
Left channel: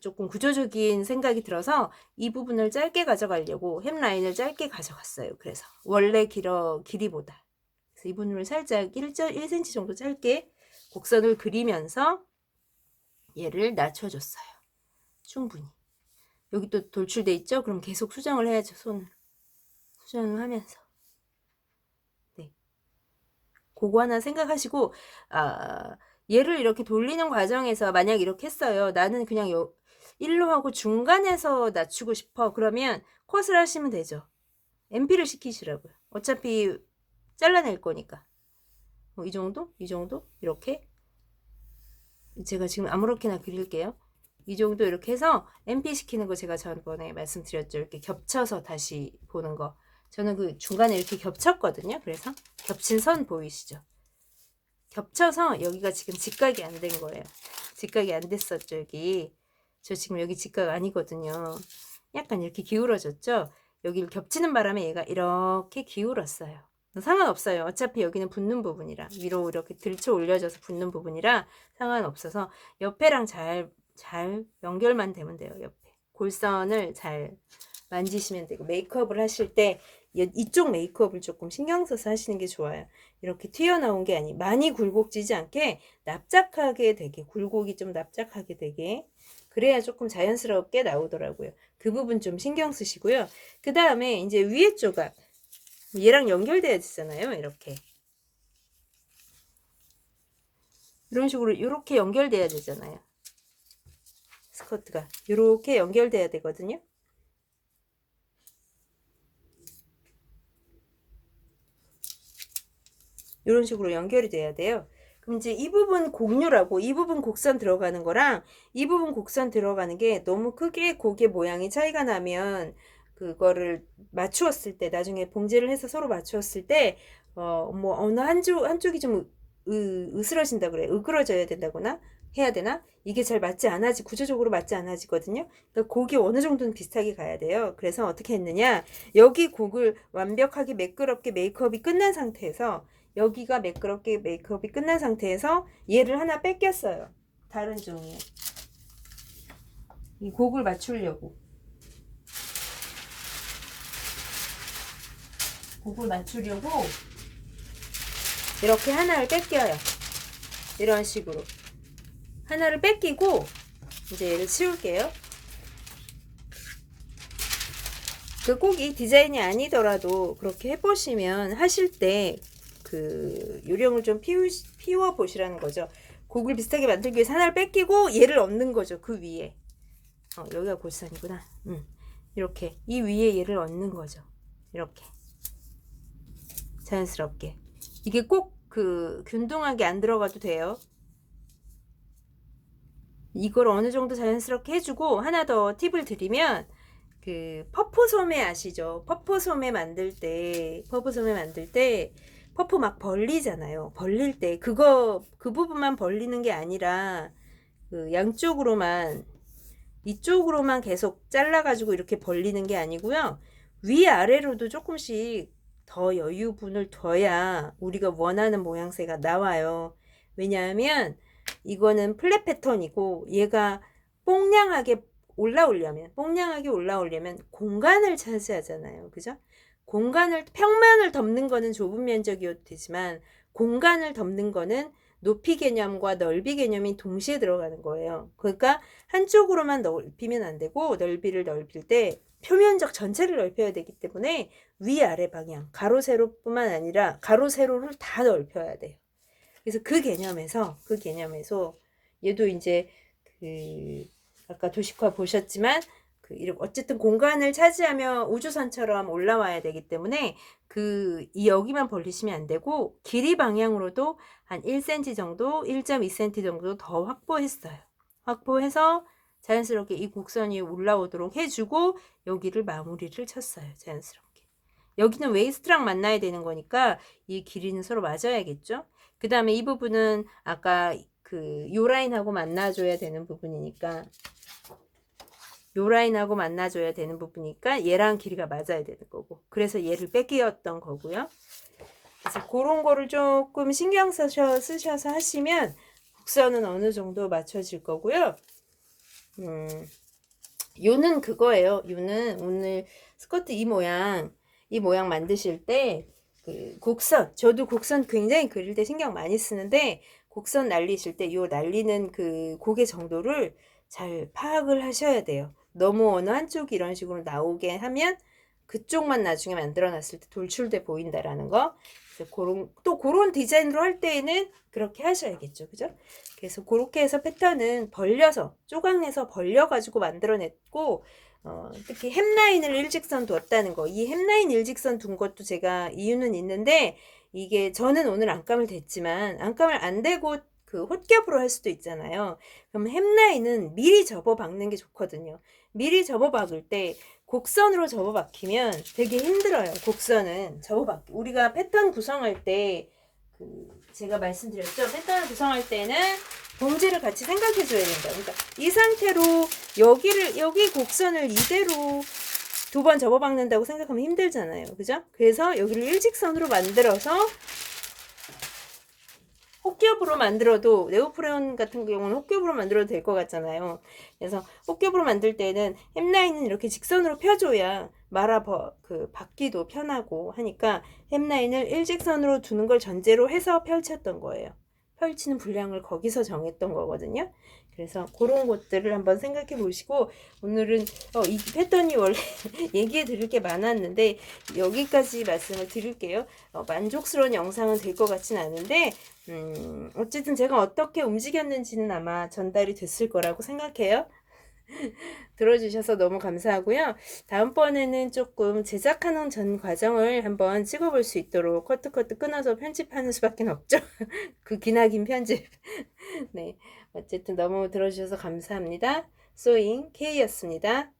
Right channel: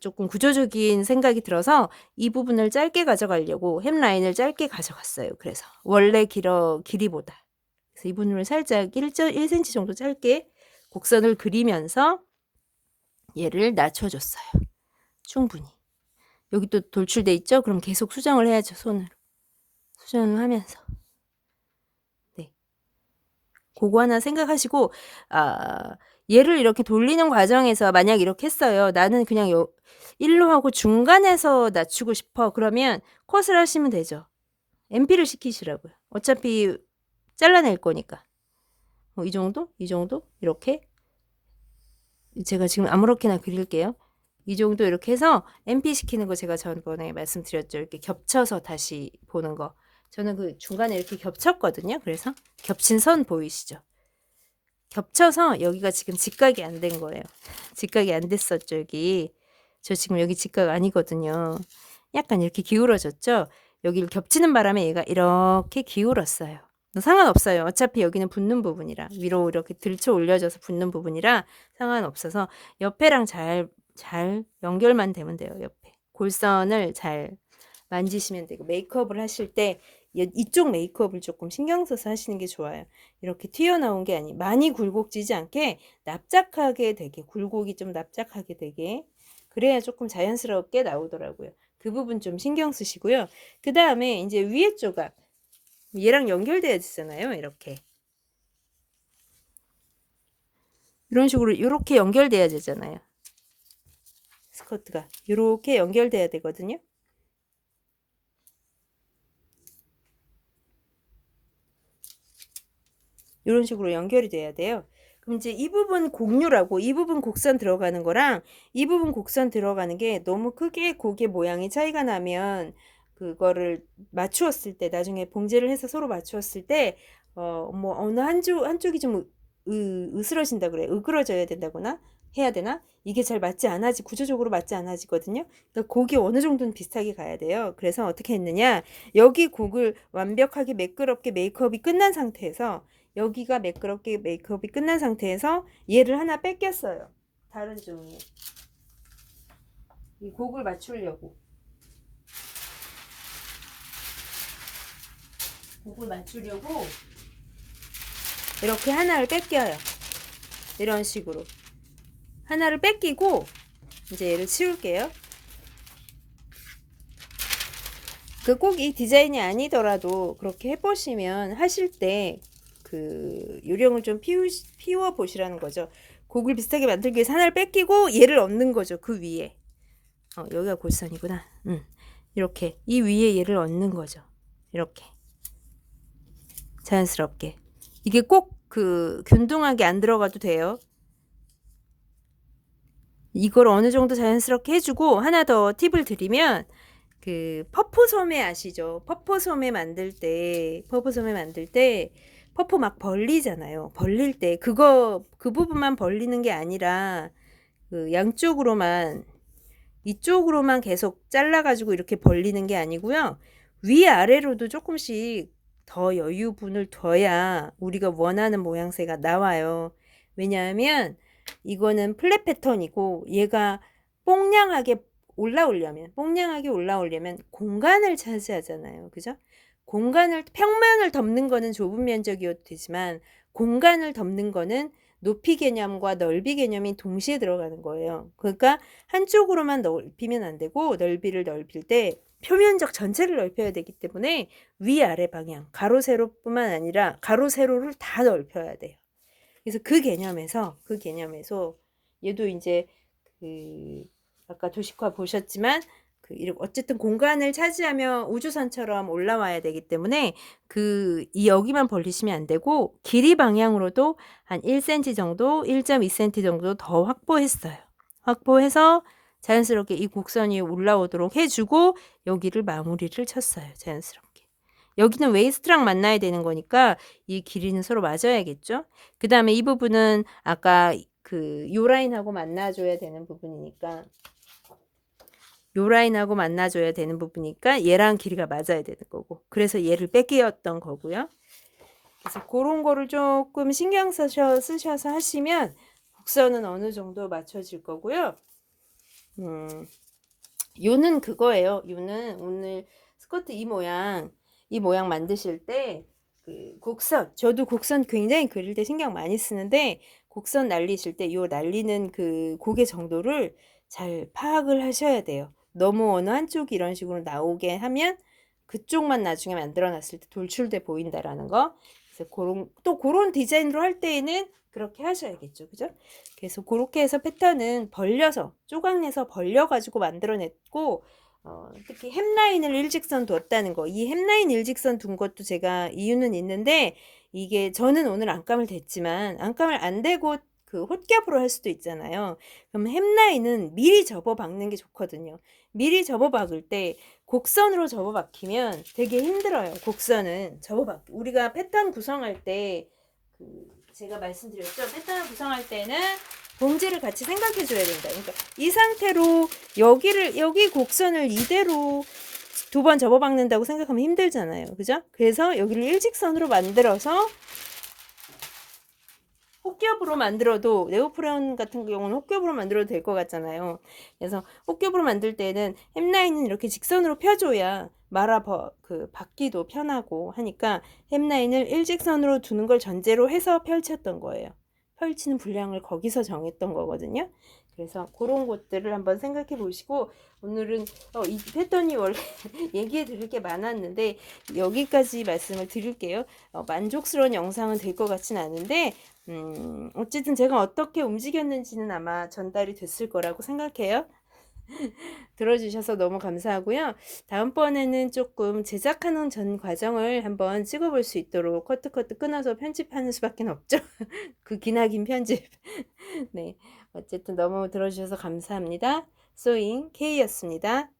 조금 구조적인 생각이 들어서 이 부분을 짧게 가져가려고 햄라인을 짧게 가져갔어요. 그래서 원래 길이보다. 그래서 이 부분을 살짝 1cm 정도 짧게 곡선을 그리면서 얘를 낮춰줬어요. 충분히. 여기 또 돌출돼 있죠? 그럼 계속 수정을 해야죠. 손으로. 수정을 하면서. 네. 그거 하나 생각하시고, 얘를 이렇게 돌리는 과정에서 만약 이렇게 했어요. 나는 그냥 일로 하고 중간에서 낮추고 싶어. 그러면 컷을 하시면 되죠. MP를 시키시라고요. 어차피 잘라낼 거니까. 이 정도? 이 정도? 이렇게. 제가 지금 아무렇게나 그릴게요. 이 정도 이렇게 해서 MP 시키는 거 제가 전번에 말씀드렸죠. 이렇게 겹쳐서 다시 보는 거. 저는 그 중간에 이렇게 겹쳤거든요. 그래서 겹친 선 보이시죠? 겹쳐서 여기가 지금 직각이 안 된 거예요. 직각이 안 됐었죠, 여기. 저 지금 여기 직각 아니거든요. 약간 이렇게 기울어졌죠? 여기를 겹치는 바람에 얘가 이렇게 기울었어요. 상관없어요. 어차피 여기는 붙는 부분이라, 위로 이렇게 들쳐 올려져서 붙는 부분이라 상관없어서 옆에랑 잘 연결만 되면 돼요. 옆에 골선을 잘 만지시면 되고, 메이크업을 하실 때 이쪽 메이크업을 조금 신경 써서 하시는 게 좋아요. 이렇게 튀어나온 게 아니, 많이 굴곡지지 않게 납작하게 되게, 굴곡이 좀 납작하게 되게, 그래야 조금 자연스럽게 나오더라고요. 그 부분 좀 신경 쓰시고요. 그 다음에 이제 위에 조각, 얘랑 연결돼야 되잖아요. 이렇게 이런 식으로 이렇게 연결돼야 되잖아요. 스커트가 이렇게 연결돼야 되거든요. 이런 식으로 연결이 돼야 돼요. 그럼 이제 이 부분 곡류라고, 이 부분 곡선 들어가는 거랑 이 부분 곡선 들어가는 게 너무 크게 고개 모양이 차이가 나면 그거를 맞추었을 때, 나중에 봉제를 해서 서로 맞추었을 때 뭐 어느 한쪽이 좀 으스러진다 그래, 으그러져야 된다거나 해야 되나, 이게 잘 맞지 않아지, 구조적으로 맞지 않아지거든요. 그러니까 곡이 어느 정도는 비슷하게 가야 돼요. 그래서 어떻게 했느냐, 여기 곡을 완벽하게 매끄럽게 메이크업이 끝난 상태에서, 여기가 매끄럽게 메이크업이 끝난 상태에서 얘를 하나 뺏겼어요. 다른 종이에. 이 곡을 맞추려고. 이렇게 하나를 뺏겨요. 이런 식으로. 하나를 뺏기고 이제 얘를 치울게요. 그 꼭 이 디자인이 아니더라도 그렇게 해보시면, 하실 때 그 요령을 좀 피워 보시라는 거죠. 곡을 비슷하게 만들기 위해서 하나를 뺏기고 얘를 얹는 거죠. 그 위에. 여기가 골선이구나. 이렇게 이 위에 얘를 얹는 거죠. 이렇게 자연스럽게. 이게 꼭 그 균등하게 안 들어가도 돼요. 이걸 어느 정도 자연스럽게 해주고, 하나 더 팁을 드리면, 그 퍼포소매 아시죠? 퍼포소매 만들 때 퍼포 막 벌리잖아요. 벌릴 때 그 부분만 벌리는 게 아니라 그 양쪽으로만, 이쪽으로만 계속 잘라가지고 이렇게 벌리는 게 아니고요. 위아래로도 조금씩 더 여유분을 둬야 우리가 원하는 모양새가 나와요. 왜냐하면 이거는 플랫 패턴이고, 얘가 뽕냥하게 올라오려면 공간을 차지하잖아요. 그죠? 평면을 덮는 거는 좁은 면적이어도 되지만, 공간을 덮는 거는 높이 개념과 넓이 개념이 동시에 들어가는 거예요. 그러니까 한쪽으로만 넓히면 안 되고, 넓이를 넓힐 때 표면적 전체를 넓혀야 되기 때문에 위아래 방향, 가로 세로뿐만 아니라 가로 세로를 다 넓혀야 돼요. 그래서 그 개념에서 얘도 이제 그 아까 도식화 보셨지만, 어쨌든 공간을 차지하며 우주선처럼 올라와야 되기 때문에 여기만 벌리시면 안 되고, 길이 방향으로도 한 1cm 정도, 1.2cm 정도 더 확보해서 자연스럽게 이 곡선이 올라오도록 해주고, 여기를 마무리를 쳤어요. 자연스럽게. 여기는 웨이스트랑 만나야 되는 거니까 이 길이는 서로 맞아야겠죠. 그 다음에 이 부분은 아까 요 라인하고 만나줘야 되는 부분이니까, 얘랑 길이가 맞아야 되는 거고, 그래서 얘를 뺏기었던 거고요. 그래서 그런 거를 조금 신경 쓰셔서 하시면 곡선은 어느 정도 맞춰질 거고요. 요는 그거예요. 요는 오늘 스커트 이 모양 만드실 때 저도 곡선 굉장히 그릴 때 신경 많이 쓰는데, 곡선 날리실 때 요 날리는 그 고개 정도를 잘 파악을 하셔야 돼요. 너무 어느 한쪽이 이런 식으로 나오게 하면 그쪽만 나중에 만들어 놨을 때 돌출돼 보인다라는 거. 그래서 그런 디자인으로 할 때에는 그렇게 하셔야겠죠. 그죠? 그래서 그렇게 해서 패턴은 벌려서, 조각내서 벌려가지고 만들어냈고, 특히 햄라인을 일직선 뒀다는 거. 이 햄라인 일직선 둔 것도 제가 이유는 있는데, 이게 저는 오늘 안감을 댔지만, 안감을 안 대고 그 홑겹으로 할 수도 있잖아요. 그럼 햄라인은 미리 접어 박는 게 좋거든요. 미리 접어 박을 때 곡선으로 접어 박히면 되게 힘들어요. 곡선은 우리가 패턴 구성할 때 제가 말씀드렸죠. 패턴을 구성할 때는 봉지를 같이 생각해 줘야 된다. 그러니까 이 상태로 여기 곡선을 이대로 두 번 접어 박는다고 생각하면 힘들잖아요. 그죠? 그래서 여기를 일직선으로 만들어서 헛겹으로 만들어도, 네오프레온 같은 경우는 헛겹으로 만들어도 될 것 같잖아요. 그래서 헛겹으로 만들 때는 햄라인은 이렇게 직선으로 펴줘야 받기도 편하고 하니까 햄라인을 일직선으로 두는 걸 전제로 해서 펼쳤던 거예요. 펼치는 분량을 거기서 정했던 거거든요. 그래서 그런 것들을 한번 생각해 보시고, 오늘은 이 패턴이 원래 얘기해 드릴 게 많았는데 여기까지 말씀을 드릴게요. 만족스러운 영상은 될 것 같진 않은데 어쨌든 제가 어떻게 움직였는지는 아마 전달이 됐을 거라고 생각해요. 들어주셔서 너무 감사하고요. 다음번에는 조금 제작하는 전 과정을 한번 찍어볼 수 있도록 커트 끊어서 편집하는 수밖에 없죠. 그 기나긴 편집. 네, 어쨌든 너무 들어주셔서 감사합니다. 소잉 K였습니다.